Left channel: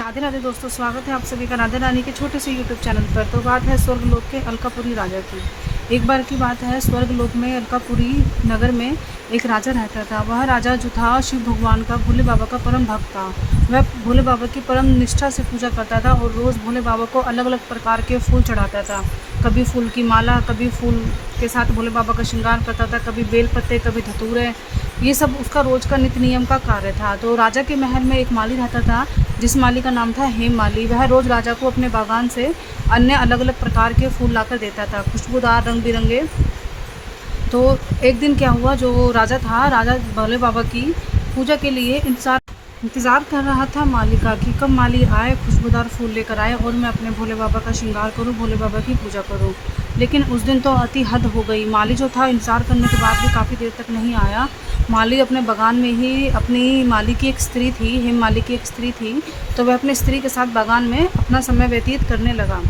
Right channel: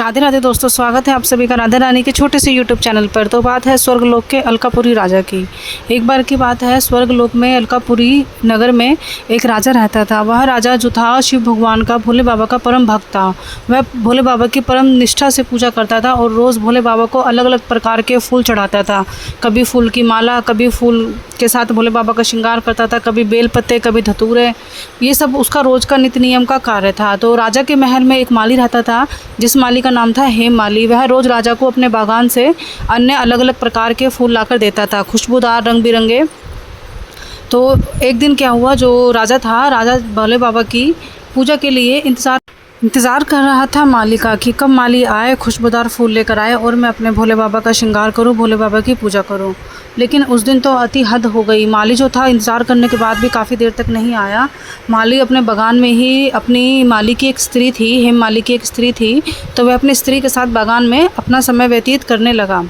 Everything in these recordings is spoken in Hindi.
राधे राधे दोस्तों, स्वागत है आप सभी का राधा रानी के छोटे से यूट्यूब चैनल पर। तो बात है स्वर्गलोक के अलकापुरी राजा की। एक बार की बात है, स्वर्गलोक में अलकापुरी नगर में एक राजा रहता था। वह राजा जो था शिव भगवान का, भोले बाबा का परम भक्त था। वह भोले बाबा की परम निष्ठा से पूजा करता था और रोज़ भोले बाबा को अलग अलग प्रकार के फूल चढ़ाता था। कभी फूल की माला, कभी फूल के साथ भोले बाबा का श्रृंगार करता था, कभी बेल पत्ते, कभी धतूरे। ये सब उसका रोज़ का नित्य नियम का कार्य था। तो राजा के महल में एक माली रहता था, जिस माली का नाम था हेम माली। वह रोज़ राजा को अपने बागान से अन्य अलग अलग प्रकार के फूल लाकर देता था, खुशबूदार, रंग बिरंगे। तो एक दिन क्या हुआ, जो राजा था, राजा भोले बाबा की पूजा के लिए इंतज़ार कर रहा था माली का कि कब माली आए, खुशबूदार फूल लेकर आए और मैं अपने भोले बाबा का श्रृंगार करूं, भोले बाबा की पूजा करूं। लेकिन उस दिन तो अति हद हो गई। माली जो था, इंतज़ार करने के बाद भी काफ़ी देर तक नहीं आया। माली अपने बागान में ही, अपनी माली की एक स्त्री थी, हेम माली की एक स्त्री थी, तो वह अपनी स्त्री के साथ बागान में अपना समय व्यतीत करने लगा।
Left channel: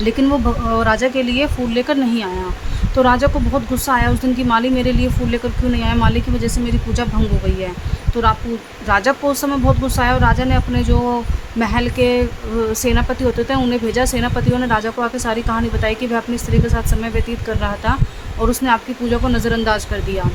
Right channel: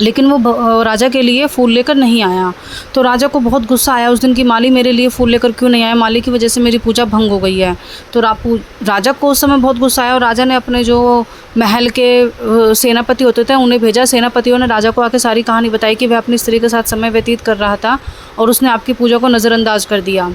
लेकिन वो राजा के लिए फूल लेकर नहीं आया। तो राजा को बहुत गुस्सा आया उस दिन कि माली मेरे लिए फूल लेकर क्यों नहीं आया, माली की वजह से मेरी पूजा भंग हो गई है। तो राजा को उस समय बहुत गुस्सा आया और राजा ने अपने जो महल के सेनापति होते थे उन्हें भेजा। सेनापतियों ने राजा को आके सारी कहानी बताई कि वह अपनी स्त्री के साथ समय व्यतीत कर रहा था और उसने आपकी पूजा को नज़रअंदाज कर दिया।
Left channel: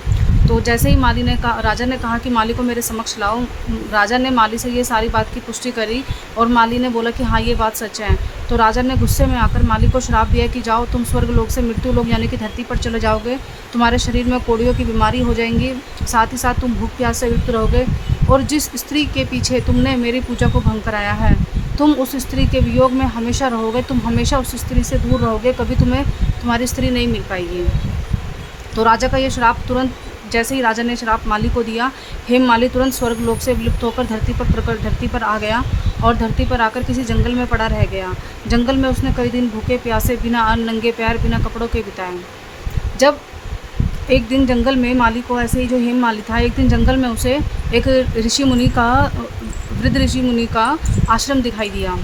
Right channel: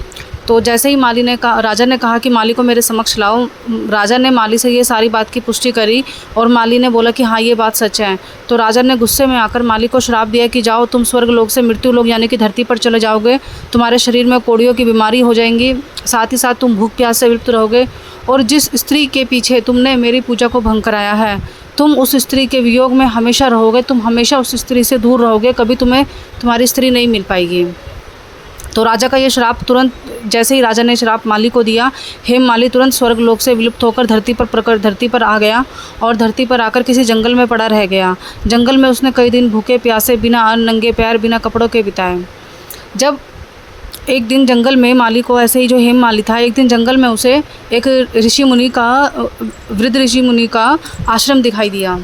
तो जैसे ही राजा ने कहा कि माली को मेरे समक्ष लाओ, राजा ने माली से ये सारी बात की पुष्टि करी और माली ने बोला कि हाँ, ये बात सच है। तो राजा ने गुस्से में आकर माली को श्राप दिया कि जाओ, तुम स्वर्ग लोक से मृत्यु लोक यानी कि धरती पर चले जाओगे। तुम्हारे शरीर में कोड़ियों की बीमारी हो जाएंगी, साथ ही साथ तुम भूख प्यास से विलुप्त रहोगे। और जिस स्त्री के पीछे तुमने मेरी पूजा को भंग कराया है, तुम उस स्त्री के वियोग में हमेशा रहोगे, तुम हमेशा उस स्त्री से दूर रहोगे, कभी तुम्हें तुम्हारी स्त्री नहीं मिल पाएगी। तो राजा का ये श्राप तुरंत, जैसे ही राजा ने श्राप माली को दिया, हेम माली तुरंत स्वर्ग लोक से विलुप्त होकर धरती पर आ गया और धरती पर आकर किसी जंगल में पड़ा रह गया। जंगल में उसने कई दिन भूखे प्यासे, बिना अन्न, नंगे पैर, बिना कपड़ों के बिताए। जब एक दिन जंगल में माली को, ऐसे ही जो हेम माली था, एक दिन जंगल में उसे एक वृद्ध ऋषि मुनि का आश्रम दिखाई दिया।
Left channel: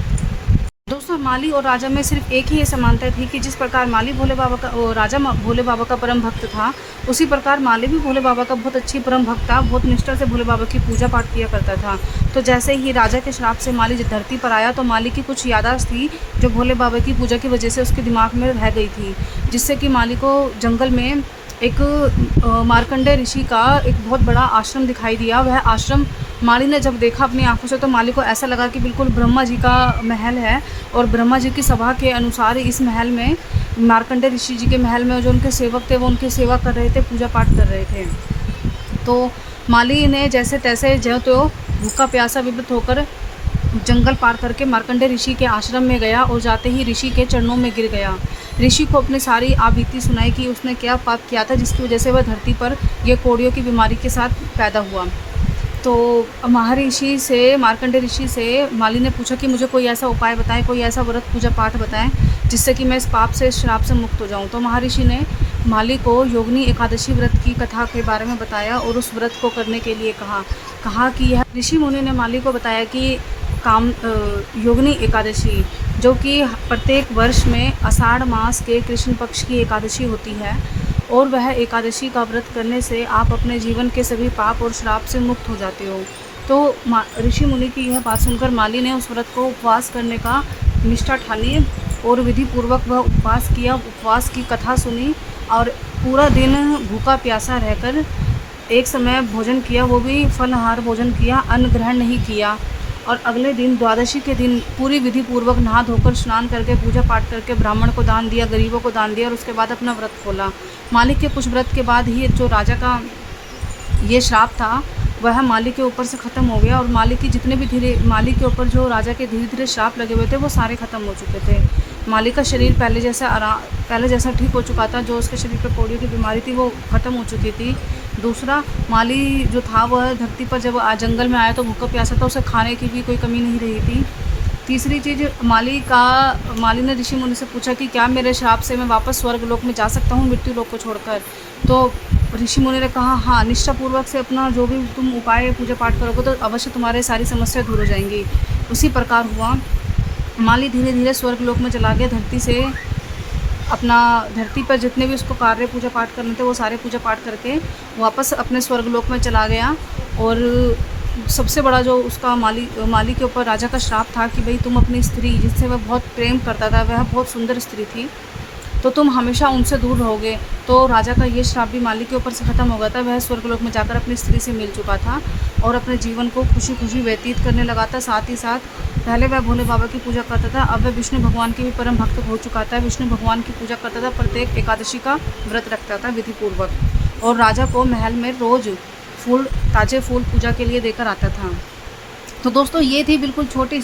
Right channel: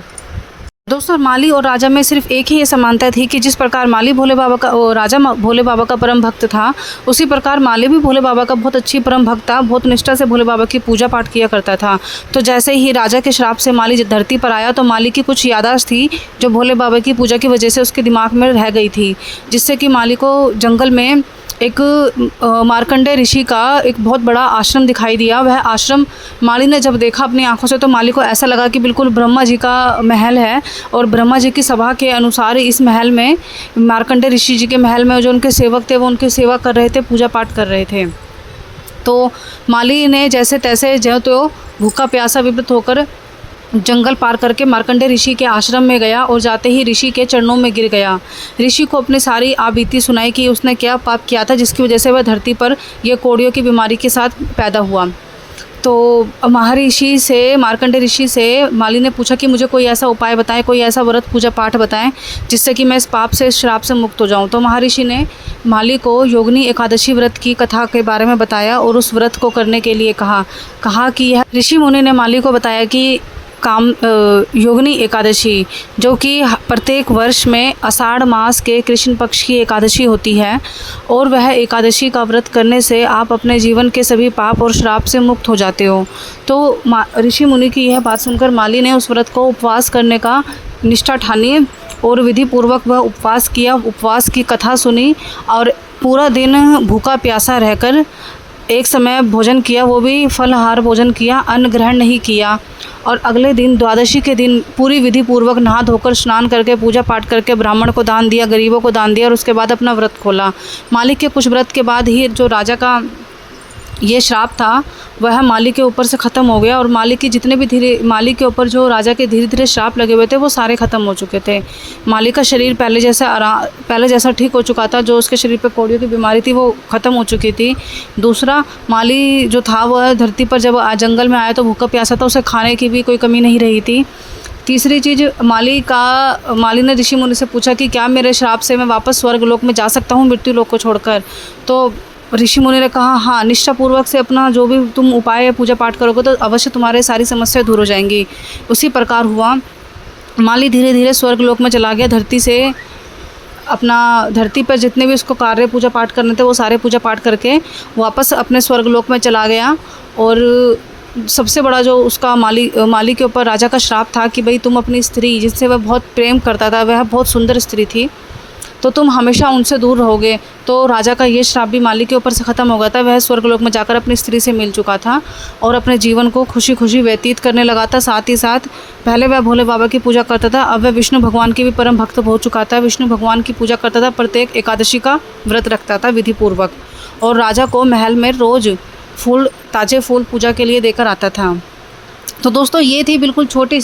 दोस्तों, माली और राजा में सिर्फ एक ही ये समानता थी कि जिस प्रकार माली राजा भोले बाबा का परम भक्त था, उसी प्रकार माली भी भोले बाबा का बहुत अच्छी परम भक्त था, बहुत निष्ठा से भोले बाबा की पूजा पाठ किया करता था। तो जैसे ही राजा के श्राप से माली धरती पर आया, तो माली की कुछ याददाश्त थी जो भोले बाबा की पूजा की वजह से उसके दिमाग में रह गई थी, जिससे कि माली को जंगल में एक मार्कंडेय ऋषि का एक बहुत बड़ा आश्रम दिखाई दिया। वह आश्रम माली ने जब देखा अपनी आंखों से, तो माली को ऐसा लगा कि बिल्कुल ब्रह्मा जी का महल है और ब्रह्मा जी की सभा के अनुसार इस महल में, मार्कंडेय ऋषि जी के महल में जो उनके सेवक थे वो उनकी सेवा कर रहे थे, पूजा पाठ कर रहे थे। तो माली ने जैसे तैसे जो तो भूखा प्यासा विवृत होकर जंगल पार करके मार्कंडेय ऋषि के आश्रम में गया और जाते ही ऋषि के चरणों में गिर गया। ऋषि को अपनी सारी आबीती सुनाई कि उसने क्या पाप किया था जिसकी वजह से वह धरती पर ये कोड़ियों की बीमारी के साथ पैदा हुआ। तो महर्षि से, मार्कंडेय ऋषि से माली ने पूछा कि मुझे कोई ऐसा उपाय बताएं, कोई ऐसा व्रत पूजा पाठ बताएं जिससे कि मैं इस पाप से, इस श्राप से मुक्त हो जाऊं। तो महर्षि ने माली को योगिनी एकादशी व्रत की कथा के बारे में बताया और उस व्रत को करने के लिए कहा कि यह ऋषि मुनि ने माली को बताया कि योगिनी एकादशी, जो कि प्रत्येक वर्ष में आषाढ़ मास के कृष्ण पक्ष की एकादशी होती है, और वह एकादशी का व्रत करने से आप अपने जीवन के सभी पाप और श्राप से मुक्त हो जाते हो। तो ऋषि मुनि की यह बात सुनकर माली ने उस व्रत को उपवास करने का निष्ठा ठानी और विधि पूर्वक वह उपवास किया, उपवास की कथा सुनी और पूरा दिन भूखा प्यासा रहकर एक समय भोजन किया, वो भी फलाहार भोजन किया, अन्न ग्रहण नहीं किया। और अगले दिन, द्वादशी के दिन, पूरी विधि पूर्वक नहा धोकर, स्नान करके, पूजा पाठ करके ब्राह्मण को दान दिया, गरीबों को दान दिया और उसके बाद अपना व्रत खोला। मालिक के कुछ व्रत के बाद ही जो राजा का ये श्राप था वह माली के ऊपर से ख़त्म हो गया और माली के ऊपर जो राजा के धीरे धीरे श्राप लगे हुए थे वो सारे ख़त्म हो चुके थे। माली का शरीर पहले जैसा ठीक हो चुका था, जो उसके शरीर पे कोड़ियों की बीमारी थी वो ख़त्म हो चुकी थी। दूसरा, माली जो था वह धरती पर जब जंगल में आया तो भूखा प्यासा था, उसे खाने की भी कोई कमी नहीं रही थी। तीसरी चीज़, माली ने ऋषि मुनि से पूछा कि क्या मेरे श्राप से मैं वापस स्वर्ग लोक में जा सकता हूँ मृत्यु लोक को छोड़कर। तो ऋषि मुनि ने कहा हाँ, निष्ठापूर्वक से अपना जो भी तुम उपाय या पूजा पाठ करोगे तो अवश्य तुम्हारे सारी समस्या दूर हो जाएंगी। उसी प्रकार हुआ। माली धीरे धीरे स्वर्ग लोक में चला गया। धरती पर जितने भी उसको कार्य पूजा पाठ करने थे वो सारे पूजा पाठ करके वापस अपने स्वर्ग लोक में चला गया और सबसे बड़ा जो उसका माली के ऊपर राजा का श्राप था कि भाई तुम अपनी स्त्री जिससे वह बहुत प्रेम करता था, वह बहुत सुंदर स्त्री थी, तो तुम हमेशा उनसे दूर रहोगे। तो राजा का ये श्राप भी माली के ऊपर से ख़त्म हो गया था। वह स्वर्गलोक में जाकर अपनी स्त्री से मिल चुका था और अपने जीवन को खुशी खुशी व्यतीत करने लगा था। साथ ही साथ पहले वह भोले बाबा की पूजा करता था, अब वह विष्णु भगवान की भी परम भक्त हो चुका था। विष्णु भगवान की पूजा करता था, प्रत्येक एकादशी का व्रत रखता था विधिपूर्वक, और राजा को महल में रोज़ ताज़े फूल पूजा के लिए देकर आता था। तो दोस्तों ये थी बिल्कुल छोटी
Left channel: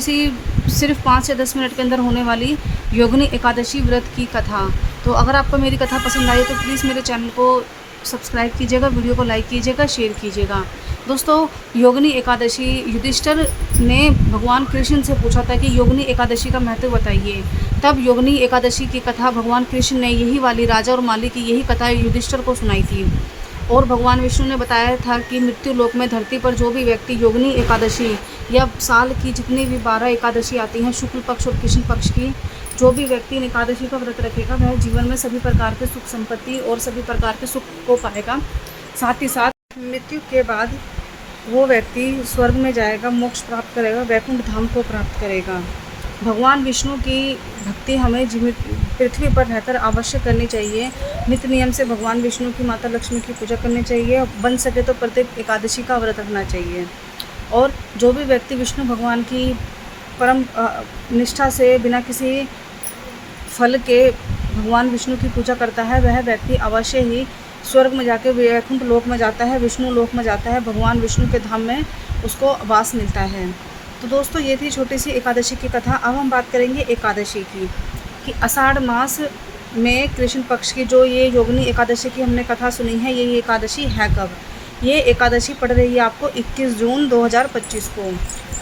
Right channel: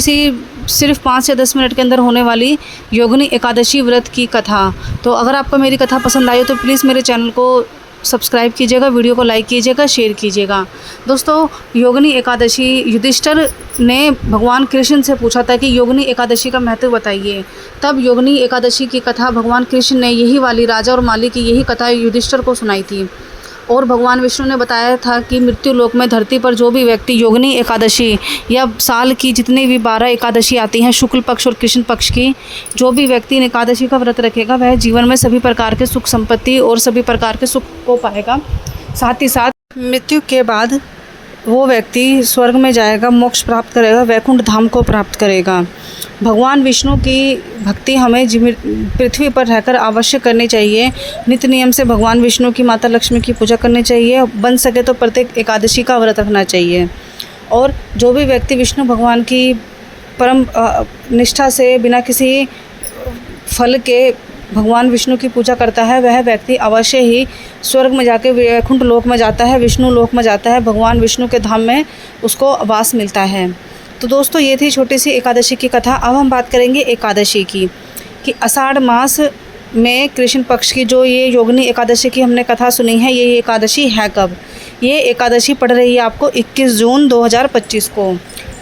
सी सिर्फ 5 से 10 मिनट के अंदर होने वाली योगिनी एकादशी व्रत की कथा। तो अगर आपको मेरी कथा पसंद आई तो प्लीज़ मेरे चैनल को सब्सक्राइब कीजिएगा, वीडियो को लाइक कीजिएगा, शेयर कीजिएगा। दोस्तों योगिनी एकादशी, युधिष्ठिर ने भगवान कृष्ण से पूछा था कि योगिनी एकादशी का महत्व बताइए। तब योगिनी एकादशी की कथा भगवान कृष्ण ने यही वाली राजा और माली की यही कथा युधिष्ठिर को सुनाई थी। और भगवान विष्णु ने बताया था कि मृत्यु लोक में धरती पर जो भी व्यक्ति योगिनी एकादशी या साल की जितनी भी 12 एकादशी आती हैं, शुक्ल पक्ष और कृष्ण पक्ष की, जो भी व्यक्ति एकादशी का व्रत रखेगा वह जीवन में सभी प्रकार के सुख संपत्ति और सभी प्रकार के सुख को पाएगा। साथ ही साथ मृत्यु के बाद वो व्यक्ति स्वर्ग में जाएगा, मोक्ष प्राप्त करेगा, वैकुंठ धाम को प्राप्त करेगा। भगवान विष्णु की भक्ति हमें पृथ्वी पर रहकर अवश्य करनी चाहिए। नित्य नियम से भगवान विष्णु की, माता लक्ष्मी की पूजा करनी चाहिए। बन सके तो प्रत्येक एकादशी का व्रत रखना चाहिए। और जो भी व्यक्ति विष्णु भगवान की परम निष्ठा से बिना किसी फल के भगवान विष्णु की पूजा करता है, वह व्यक्ति अवश्य ही स्वर्ग में जाके वैकुंठ लोक में जाता है, विष्णु लोक में जाता है, भगवान विष्णु के धाम में उसको वास मिलता है। तो दोस्तों ये थी छोटी सी एकादशी की कथा। अब हम बात करेंगे एकादशी की, कि आषाढ़ मास में कृष्ण पक्ष की जो ये योगिनी एकादशी की हमने कथा सुनी है, ये एकादशी है कब? ये एकादशी पड़ रही है आपको 21 जून 2025 को।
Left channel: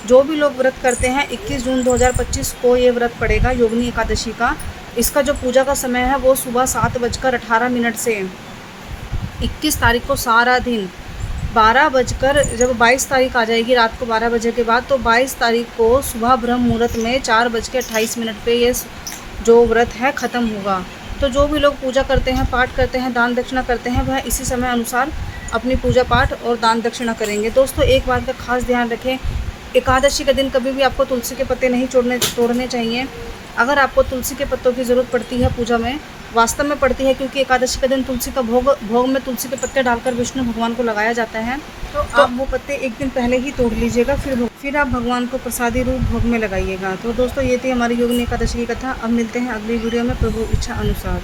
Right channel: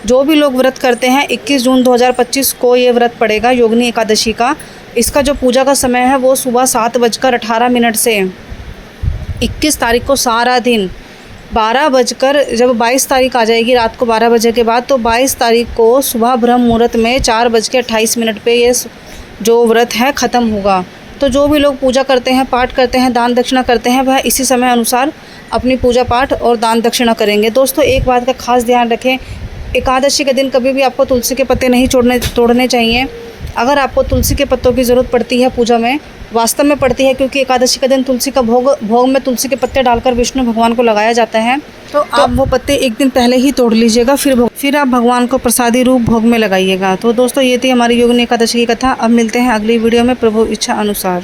जो भी लोग व्रत करते हैं 21 जून 2025 को ये व्रत पड़ेगा योगिनी एकादशी का। इसका जो पूजा का समय है वो सुबह 7:18 से 21 तारीख को सारा दिन 12 बजकर, जब 22 तारीख आ जाएगी रात को 12 बजे के बाद, तो 22 तारीख को सुबह ब्रह्म मुहूर्त में 4:28 पे ये जो व्रत है ख़त्म होगा। तो जो भी लोग पूजा करते हैं, पाठ करते हैं, दान दक्षिणा करते हैं, वह इसी समय अनुसार अपनी पूजा पाठ और दान दक्षिणा करेंगे। दोस्तों एक बात का खास ध्यान रखें, एकादशी के दिन कभी भी आपको तुलसी के पत्ते नहीं तोड़ने चाहिए। अगर आपको तुलसी के पत्तों की ज़रूरत पड़ती है पूजा में, वास्तव में पड़ती है, क्योंकि एकादशी के दिन तुलसी का भोग में तुलसी के पत्ते डालकर विष्णु भगवान को लगाया जाता है। तो आप वो पत्ते एक दिन पहले ही तोड़ लीजिएगा, फिर आप भगवान को प्रसादी रूप भोग में लगाइएगा। तो दोस्तों ये थी हमारी योगिनी एकादशी की कथा। अब मिलते हैं अगली वीडियो में प्रभु इच्छा अनुसार।